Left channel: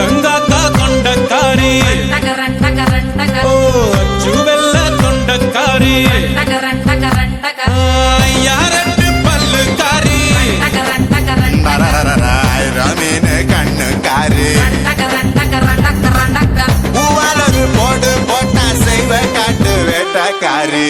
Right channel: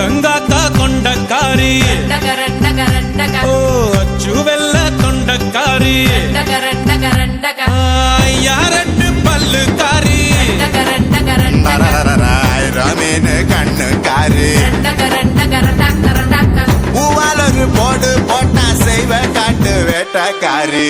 அண்டங்காக்கா கொண்டக்காரி ஓ அச்சு வெள்ள தொண்டக்காரி யாரட்டு பல்லுக்காரி ரமீன் கண்ணுக்காரி பூவாலொரு போடு போட்டா செய்வ காட்டு வேட்டக்காரி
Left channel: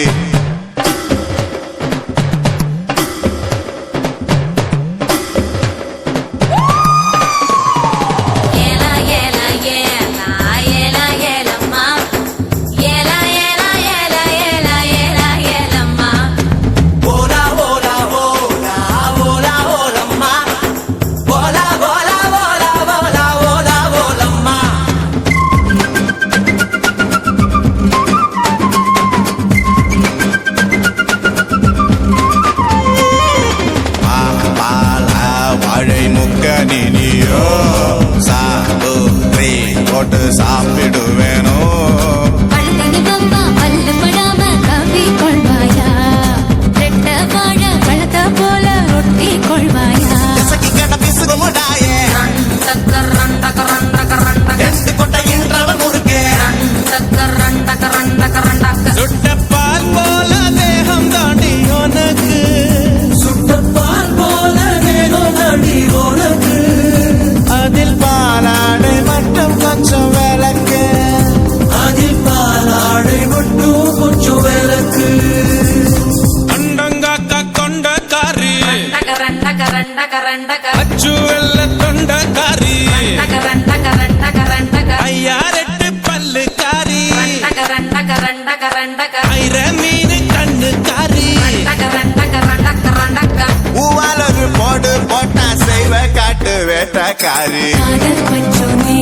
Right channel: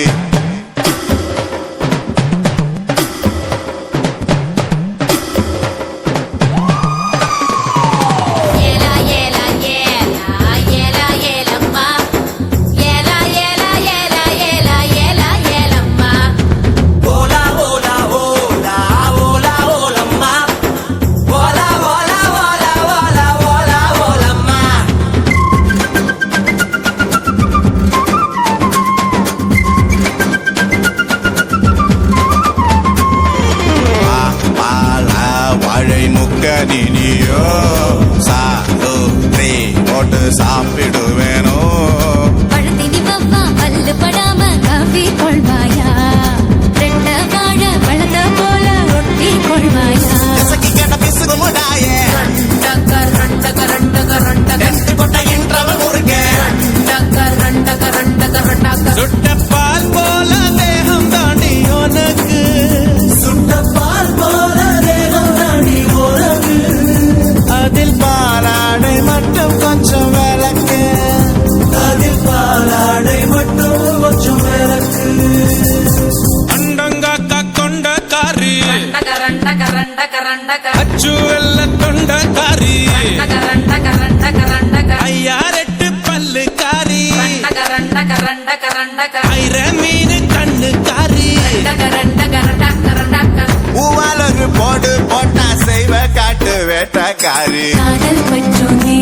வாழை முக்கனியோ சாலூரி போட்டு சாப்பிடுவேனோ பழத்தினி பப்பா பல்லு படாம கவி கொள்வாயா ரெட்ட வாழ பழத்த போல ஒட்டி கொள்வாயா கட பிசுகுமுடாயே ரெண்டு கொட்டை இன்றவ முறுக்கே சுட்ட பால் போல தேகம் தாண்டி உனக்கு அதில் பாலாடை மட்டும் கொஞ்சம் விளக்கு அண்டங்காக்கா கொண்டக்காரி அச்சு வெள்ள தொண்டக்காரி ஐயாரெட்டு பல்லுக்காரி ஐர மீன் கண்ணுக்காரி பூவாலொரு போடு போட்டா செய்வ காட்டு வேட்டக்காரி காதல் பற்றோனே